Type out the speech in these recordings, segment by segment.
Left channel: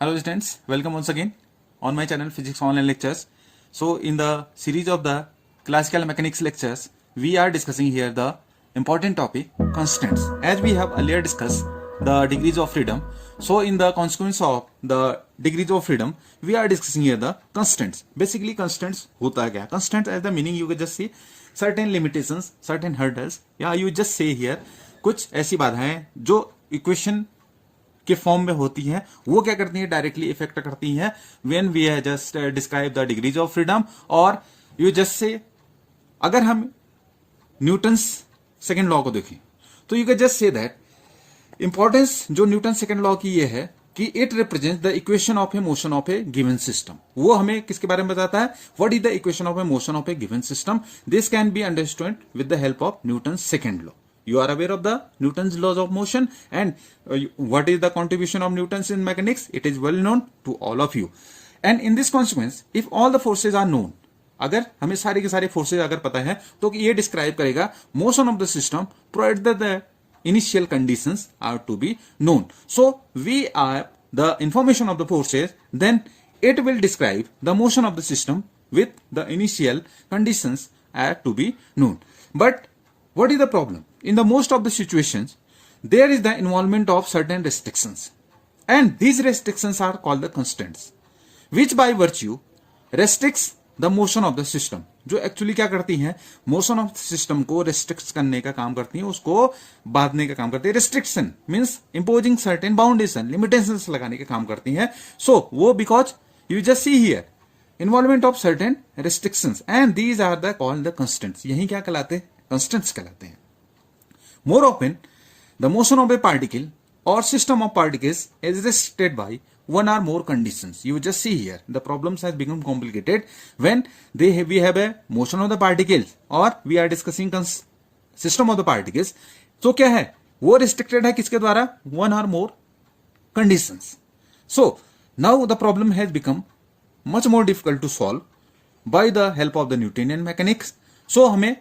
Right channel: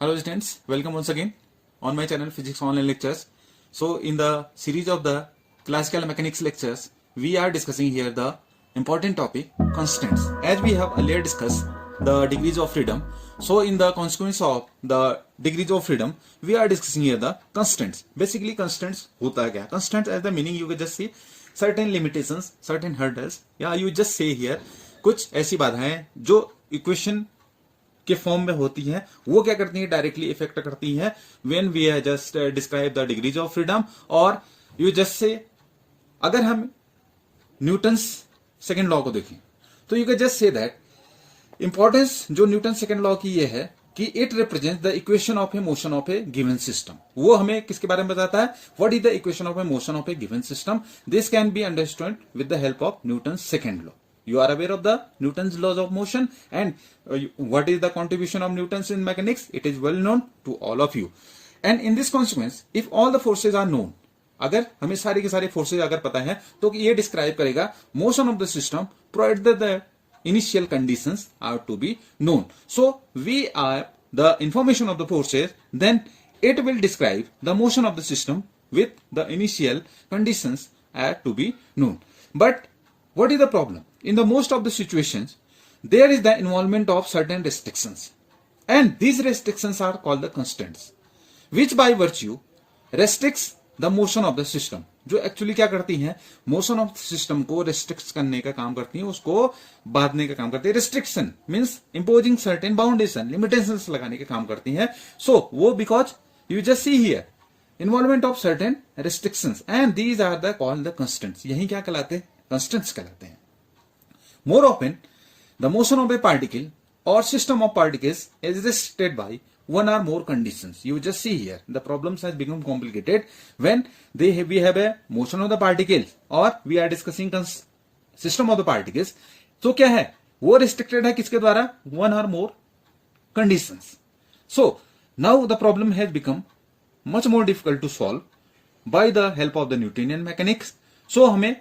Hello students, welcome once again on my channel Physics Online Lectures. So in the series of the classical mechanics lectures, we are discussing here the important topic constants. As we have earlier discussed the degrees of freedom, so in the consequence of the degrees of freedom, we are discussing here the constants. Basically constants होता क्या? Constants as the meaning you can just see certain limitations, certain hurdles, या you just say here कुछ ऐसी बाधाएं जो equation के form में होती हैं, वो क्या करती हैं, डायरेक्टली इफेक्ट करती हैं when we just describe the degrees of freedom. और यू जस्ट से अगर हम न्यूटन्स सेकंड लॉ को देखें तो you can just say that importance जो न्यूटन सेकंड लॉ की ये है कि it represents the equation of a motion of a given system. वो हमें किसके बारे में बताता है, what is the equation of a motion of a given system. This can be understood with the help of Newton's second law. You are aware of the Newton's laws of motion and what is the contribution of Newton's in mechanics? It is well known to all of you. And in this consequence, if all the forces are known, अगर हमें सारे के सारे forces अगर पता है तो ये डिस्क्राइब करेगा motion of the system provided the initial conditions are to be known. So we are the information of the forces, then it will describe the motion of the system with the initial conditions are to be known. But what is the problem? In the most of the situations, there is the involvement of certain restrictions, and these restrictions are called the constants, which by virtue restricts the motion of the system. जो actually क्या करती हैं, motion of system को restrict करने का काम करती हैं, उसको बांधने का काम करती है. Restriction means imposing certain boundation, limitations लगाने का काम करती हैं. सो वो because you just see here involvement of certain restrictions and these are the called the constants. यही क्या कहलाते हैं, constants कहलाते हैं. More often, the motion of a particle or system of particles is restricted by one or more conditions. You just see here the problems has become complicated when we have a motion of the particles or we are discussing system of the particles. तो क्या है, वो restricted है किसके द्वारा, one or more conditions. So now the problem has become much more difficult to solve by the help of the Newtonian mechanics. So हमें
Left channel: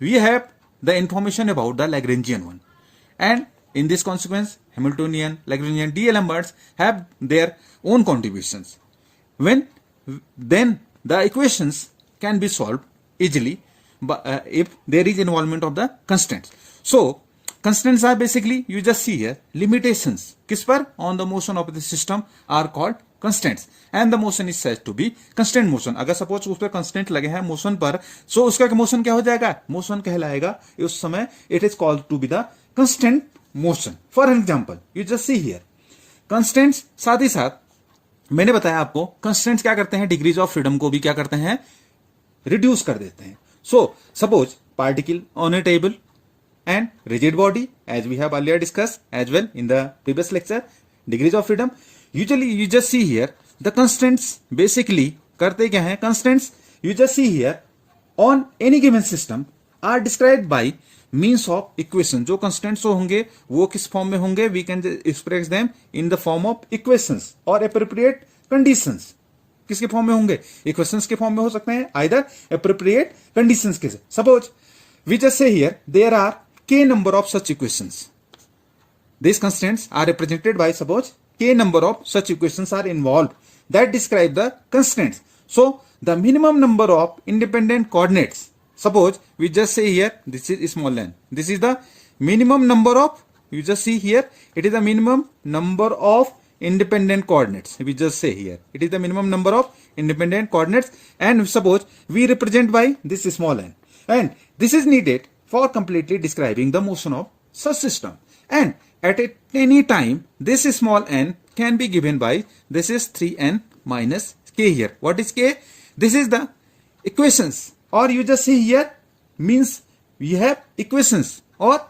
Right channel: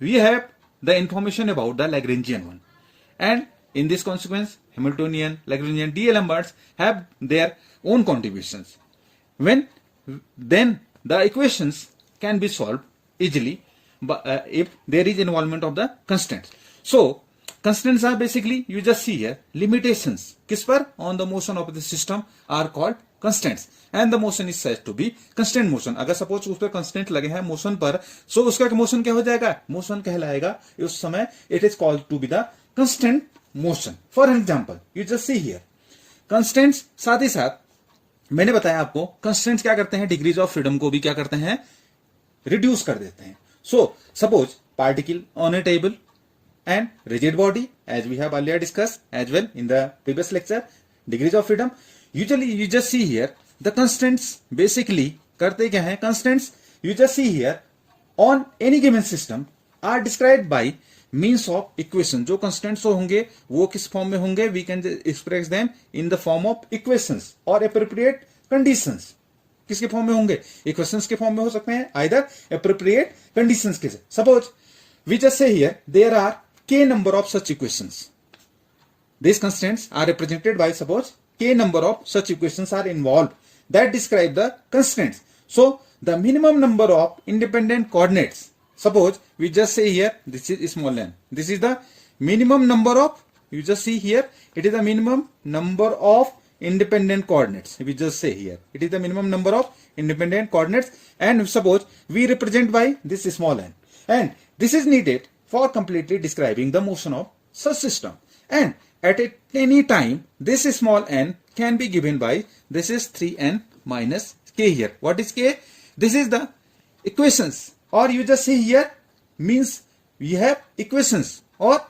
we have the information about the Lagrangian one, and in this consequence Hamiltonian, Lagrangian, D'Alemberts have their own contributions. Then the equations can be solved easily if there is involvement of the constants. So constants are basically, you just see here, limitations किस पर, on the motion of the system are called constants, and the motion is said to be constant motion. अगर suppose उस पर constant लगे हैं motion पर, सो उसका motion क्या हो जाएगा, मोशन कहलाएगा उस समय. It is called to be the constant motion. For example you just see here constants. साथ ही साथ मैंने बताया आपको कंस्टेंट्स क्या करते हैं, डिग्रीज ऑफ फ्रीडम को भी क्या करते हैं, रिड्यूस कर देते हैं. So suppose particle on A table and rigid body, as we have earlier discussed as well in the previous lecture, degrees of freedom. Usually you just see here the constants basically करते क्या हैं, constants you just see here on any given system are described by means of equation. जो constants होंगे वो किस form में होंगे, we can express them in the form of equations or appropriate conditions. किसके फॉर्म में होंगे, equations के फॉर्म में हो सकते हैं, either appropriate conditions के. Suppose we just say here there are k number of such equations. These constants are represented by, suppose k number of such equations are involved that describe the constants. So the minimum number of independent coordinates, suppose we just say here this is small n, this is the minimum number of, you just see here it is the minimum number of independent coordinates. We just say here it is the minimum number of independent coordinates, and suppose we represent by this small n, and this is needed for completely describing the motion of such system. And at any time this small n can be given by, this is 3n minus k here. What is k? This is the equations, or you just see here means we have equations, or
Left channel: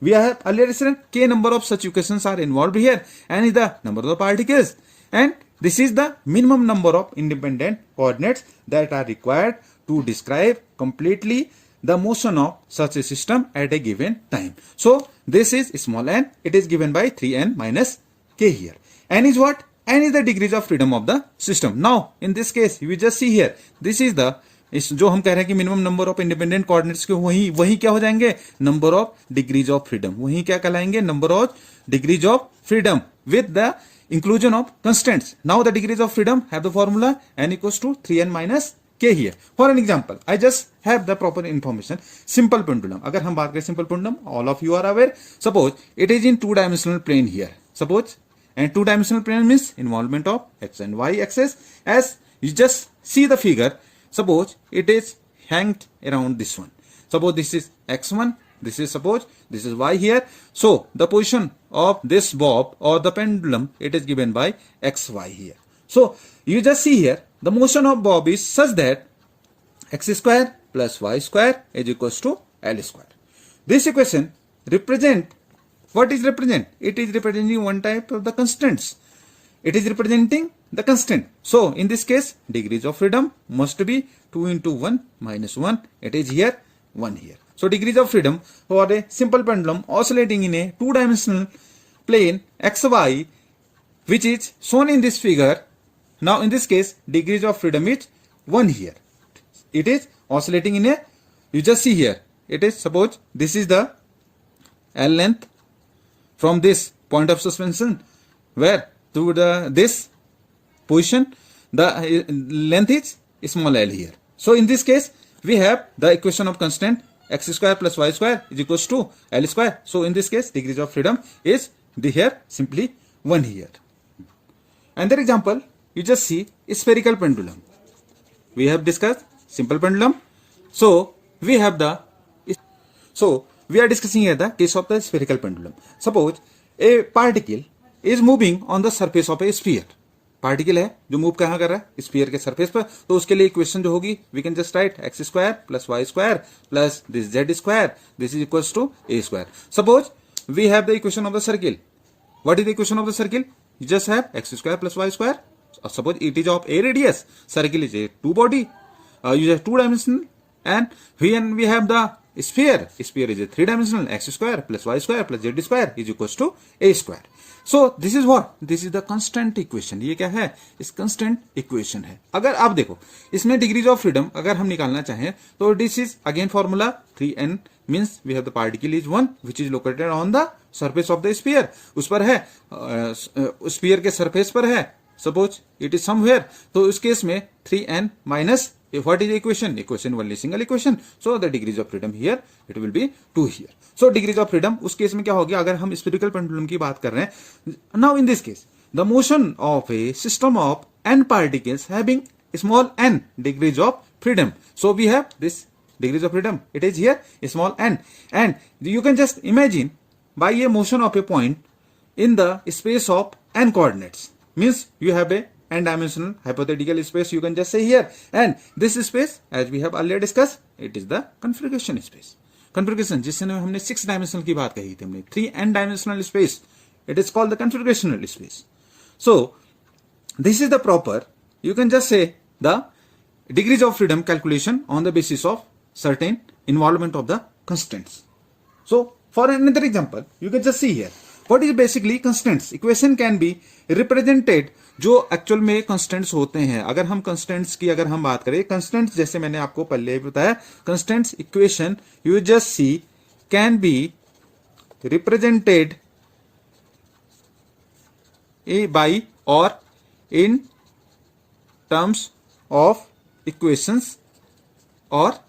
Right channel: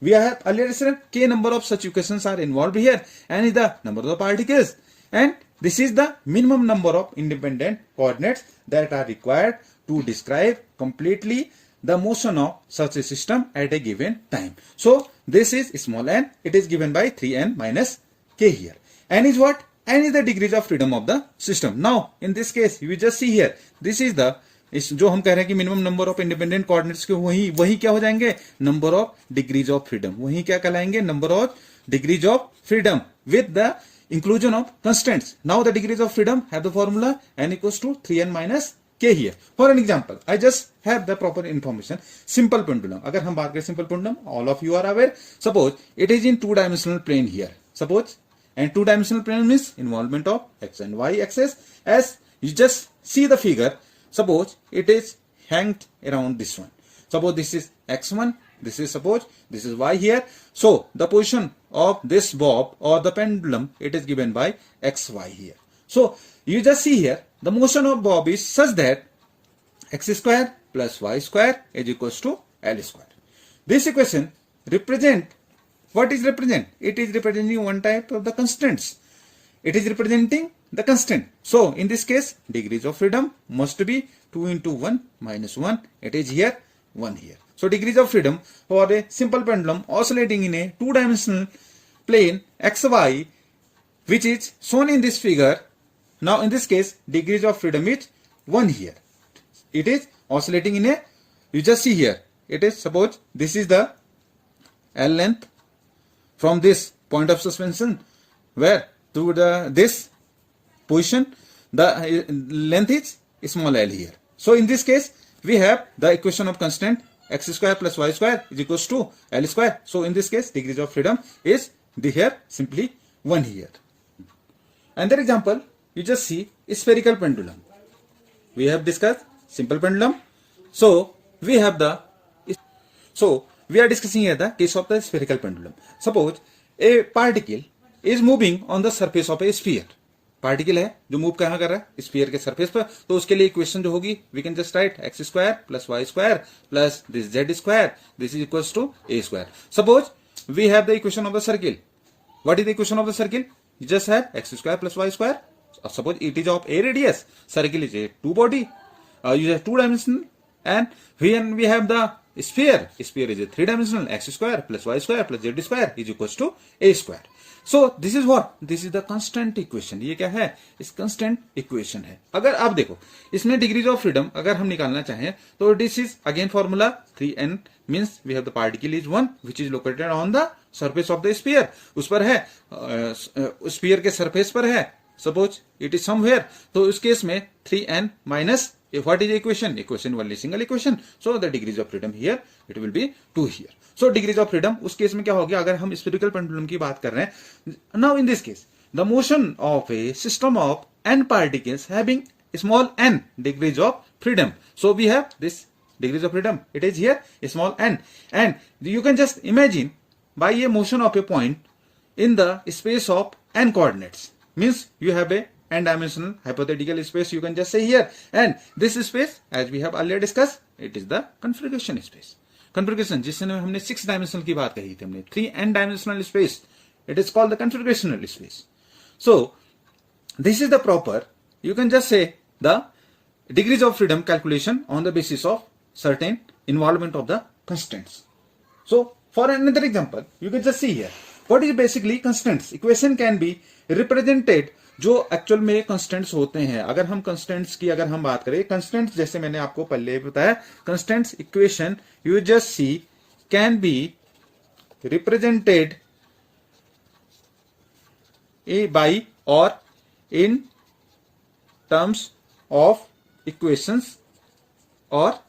we have earlier said k number of such equations are involved here, and is the number of the particles, and this is the minimum number of independent coordinates that are required to describe completely the motion of such a system at a given time. So this is small n, it is given by 3n minus k here. N is what? N is the degrees of freedom of the system. Now in this case you just see here this is the, जो हम कह रहे हैं कि minimum number of independent coordinates के वही क्या हो जाएंगे, number of degrees of freedom. वही क्या कहलाएंगे, number of degrees of freedom with the inclusion of constraints. Now the degrees of freedom have the formula n equals to 3n minus k here. For an example, I just have the proper information. Simple pendulum. अगर हम बात करें simple pendulum, all of you are aware. Suppose it is in two-dimensional plane here. Suppose, and two-dimensional plane means involvement of x and y axis. As you just see the figure, suppose it is hanged around this one. Suppose this is x1. This is suppose this is y here. So the position of this bob or the pendulum, it is given by xy here. So you just see here the motion of bob is such that x square plus y square is equals to L square. This equation represent what is represent? It is representing one type of the constraints. It is representing the constraint. So in this case, degrees of freedom must be 2 into 1 minus 1. It is here 1 here. So degrees of freedom for a simple pendulum oscillating in a two-dimensional plane xy, which is shown in this figure. Now in this case, degrees of freedom is 1 here. It is oscillating in a, you just see here, it is, suppose this is the L length from this point of suspension, where to the this position the length is small l here. So in this case, we have the equation of constraint x square plus y square is equals to L square. So in this case, degrees of freedom is the here simply 1 here. Another example, you just see a spherical pendulum. We have discussed simple pendulum. So we have the, so we are discussing here the case of the spherical pendulum. Suppose a particle is moving on the surface of a sphere. Particle है जो move कहां कर रहा है, sphere के surface पर. तो उसके लिए इक्वेशन जो होगी, we can just write x square plus y square plus this z square, this is equals to a square. Suppose we have the equation of the circle. What is the equation of the circle? You just have x square plus y square. Suppose it is of a radius, circle is a two body, you have two dimension, and when we have the sphere is a three-dimensional, x square plus y square plus z square is equals to a square. So this is what? This is the constant equation. ये क्या है? इस constant equation है. अगर आप देखो इसमें degrees of freedom अगर हम निकालना चाहें तो this is again formula 3n means we have the particle is 1 which is located on the surface of the sphere. उस पर है, sphere के surface पर है. Suppose it is somewhere. तो उस केस में 3n minus what is the equation? Equation only single equation. So the degrees of freedom here it will be 2 here. So degrees of freedom उस case में क्या हो गया? अगर हम spherical pendulum की बात कर रहे हैं, now in this case the motion of a system of n particles having small n degrees of freedom. So we have this degrees of freedom. It is here small n, and you can just imagine by a motion of a point in the space of n coordinates. Means you have a n-dimensional hypothetical space, you can just say here, and this space as we have earlier discussed, it is the configuration space. Configuration जिसमें हमने 6 dimensional की बात कही थी, हमने 3 n-dimensional space, it is called the configurational space. So this is the proper, you can just say the degrees of freedom calculation on the basis of certain involvement of the constraints. So for another example, you can just see here what is basically constraints. Equation can be represented जो actual में constants होते हैं. अगर हम constants की अगर हम बात करें, कंस्टेंट्स जैसे मैंने आपको पहले बताया, constants equation you just see can be represented by और इन टर्म्स ऑफ इक्वेशंस और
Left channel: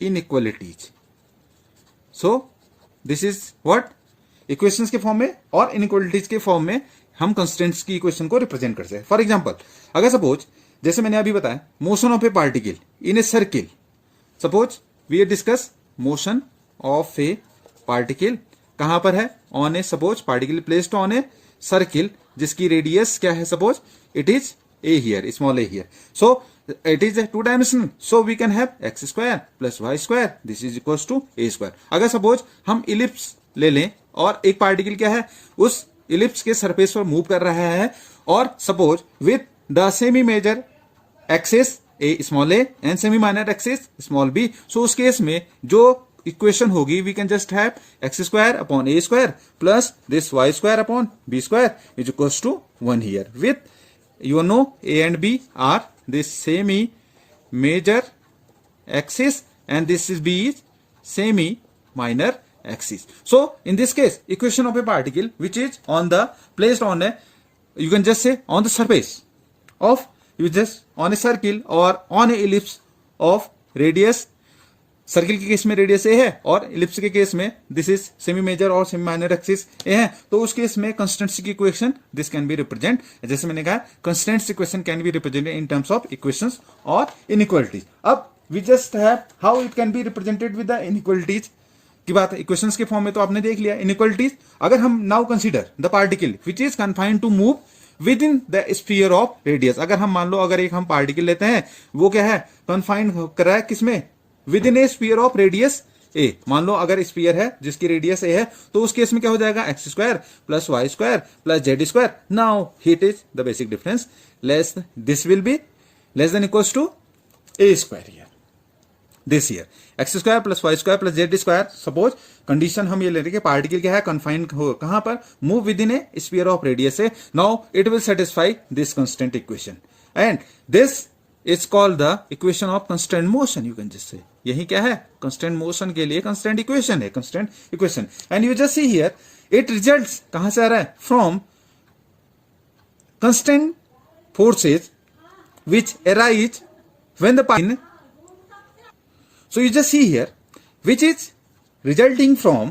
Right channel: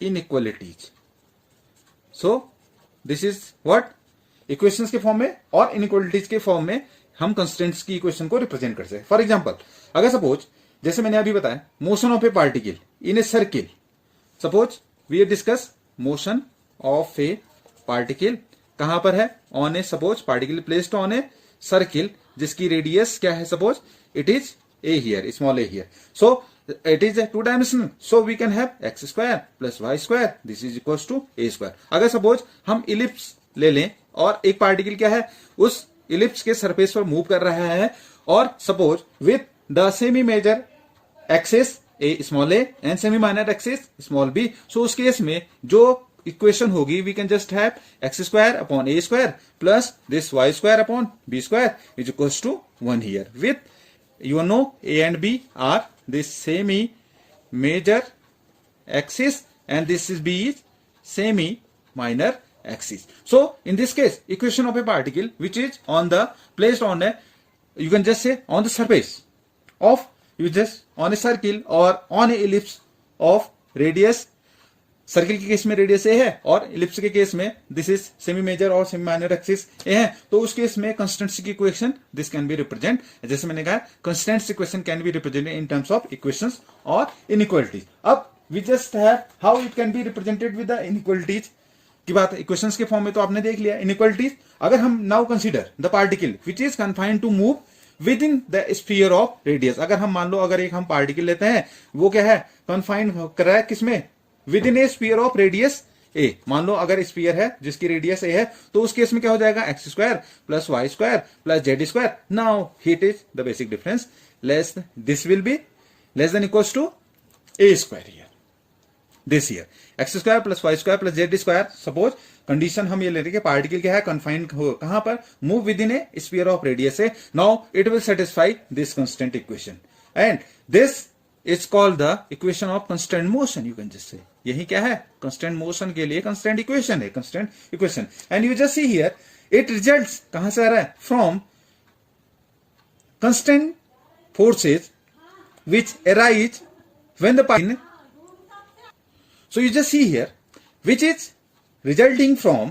inequalities. So this is what, equations के फॉर्म में और इनइक्वालिटीज के फॉर्म में हम कंस्टेंट्स की इक्वेशन को रिप्रेजेंट कर सकते हैं. फॉर एग्जांपल, अगर सपोज जैसे मैंने अभी बताया motion of a particle in a circle. Suppose we discuss motion of a particle कहां पर है? On a, suppose particle placed on a circle जिसकी रेडियस क्या है? Suppose it is a here, small a here. So it is a two dimensional, so we can have x square plus y square, this is equals to a square. अगर suppose हम ellipse ले लें और एक particle क्या है उस ellipse के सरफेस पर मूव कर रहा है, और suppose with the semi major axis a small a and semi minor axis small b. So उस केस में जो इक्वेशन होगी, we can just have x square upon a square plus this y square upon b square is equals to 1 here. With you know a and b are this semi major axis and this is b is semi minor axis. So in this case, equation of a particle which is on the placed on a you can just say on the surface of, you just on a circle or on a ellipse of radius, circle के case में radius a है और ellipse के case में this is semi major और semi minor axis a है, तो उस केस में कंस्टेंट्स की equation this can be represent, जैसे मैंने कहा constants equation can be represented in terms of equations और इनइक्वालिटीज। अब we just have how it can be represented with the inequalities की बात है। इक्वेशंस के फॉर्म में तो आपने देख लिया इनइक्वालिटीज। अगर हम now consider the particle which is confined to move within the sphere of radius, अगर हम मान लो अगर एक हम पार्टिकल लेते हैं वो क्या है कन्फाइंड कर रहा है किसमें, within a sphere of radius a. मान लो अगर स्फीयर है जिसकी रेडियस ए है तो उस केस में क्या हो जाएगा x square plus y square plus z square. Now it is the basic difference, less this will be less than equals to a square here, this here x square plus y square plus z square. Suppose condition हम ये ले रहे हैं कि particle क्या है confined हो कहां पर, move within a sphere of radius a. Now it will satisfy this constant equation and this is called the equation of constant motion. You can just say यही क्या है कंस्टेंट मोशन के लिए constant equation है, constant equation. And you just see here it results कहां से आ रहा है, from constant forces which arise when the particle, so you just see here which is resulting from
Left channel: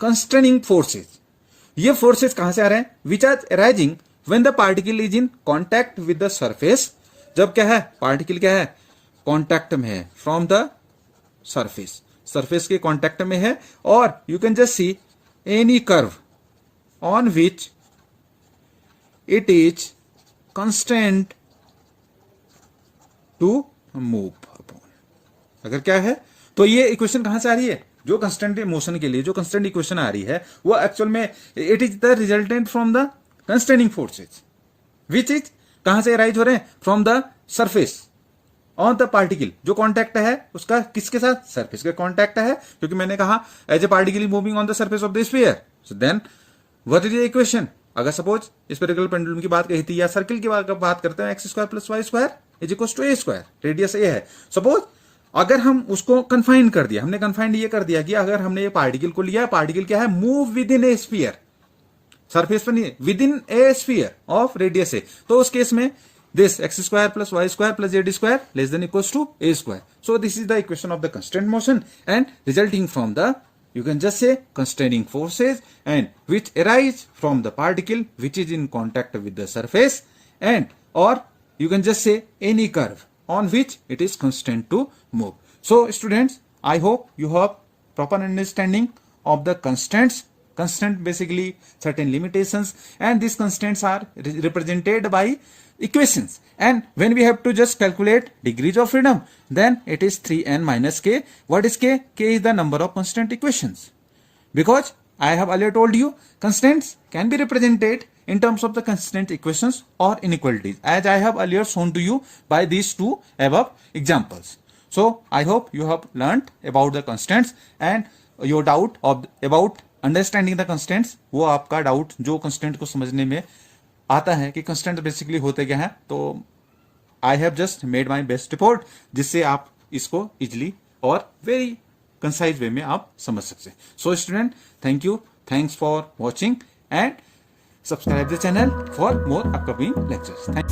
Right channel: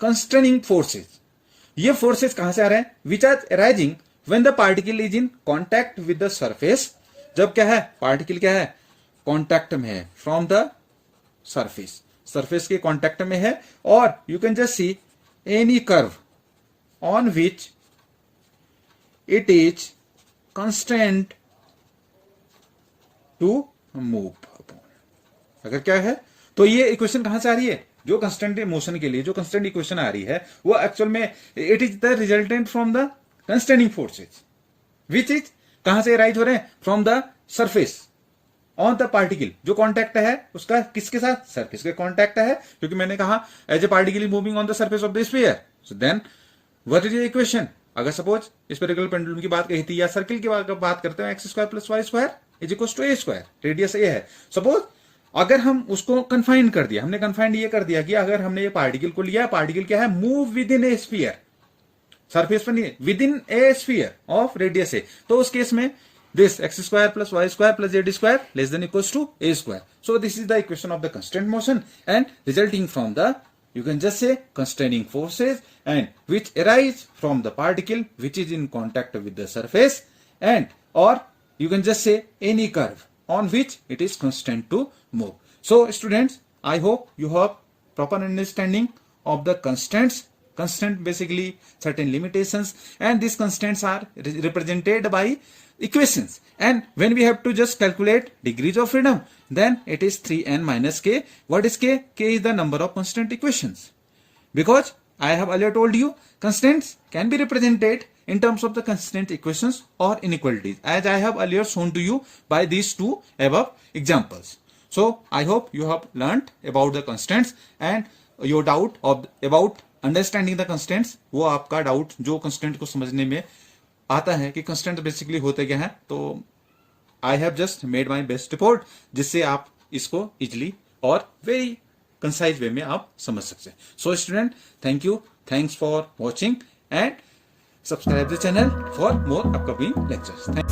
constraining forces। ये forces कहां से आ रहे हैं, which are arising when the particle is in contact with the surface। जब क्या है particle क्या है कांटेक्ट में है फ्रॉम द सरफेस, सरफेस के कांटेक्ट में है। और you can just see any curve on which it is constant to move. अगर क्या है तो ये इक्वेशन कहां से आ रही है, जो कंस्टेंट मोशन के लिए जो कंस्टेंट इक्वेशन आ रही है वो एक्चुअल में it is the resultant from the constraining forces which is कहां से राइज हो रहे हैं, from the surface on the particle. जो कॉन्टैक्ट है उसका किसके साथ, सरफेस के कॉन्टैक्ट है, क्योंकि मैंने कहा as a particle moving on the surface of the sphere. So then what is the equation, अगर सपोज स्फेरिकल पेंडुलम की बात कही थी या सर्किल की बात करते हैं, x square plus y square is equal to a square, radius a है। सपोज अगर हम उसको कन्फाइन कर दिया, हमने कन्फाइंड ये कर दिया कि अगर हमने ये पार्टिकल को लिया, पार्टिकल क्या है move within a sphere, surface पर नहीं within a sphere of radius a, तो उस केस में this x square plus y square plus z square less than equals to a square. So this is the equation of the constraint motion and resulting from the you can just say constraining forces and which arise from the particle which is in contact with the surface, and or you can just say any curve on which it is constrained to move. So students, I hope you have proper understanding of the constraints. Constraint basically certain limitations, and these constraints are represented by equations, and when we have to just calculate degrees of freedom, then it is 3n minus k. What is k? K is the number of constraint equations, because I have earlier told you constraints can be represented in terms of the constraint equations or inequalities, as I have earlier shown to you by these two above examples. So I hope you have learned about the constraints, and your doubt about understanding the constants, वो आपका doubt जो constant को समझने में आता है कि constant basically होते क्या है, तो I have just made my best report जिससे आप इसको इजिली और वेरी कंसाइज वे में आप समझ सकते हैं। So student, thank you, thanks for watching and subscribe the channel for more upcoming lectures.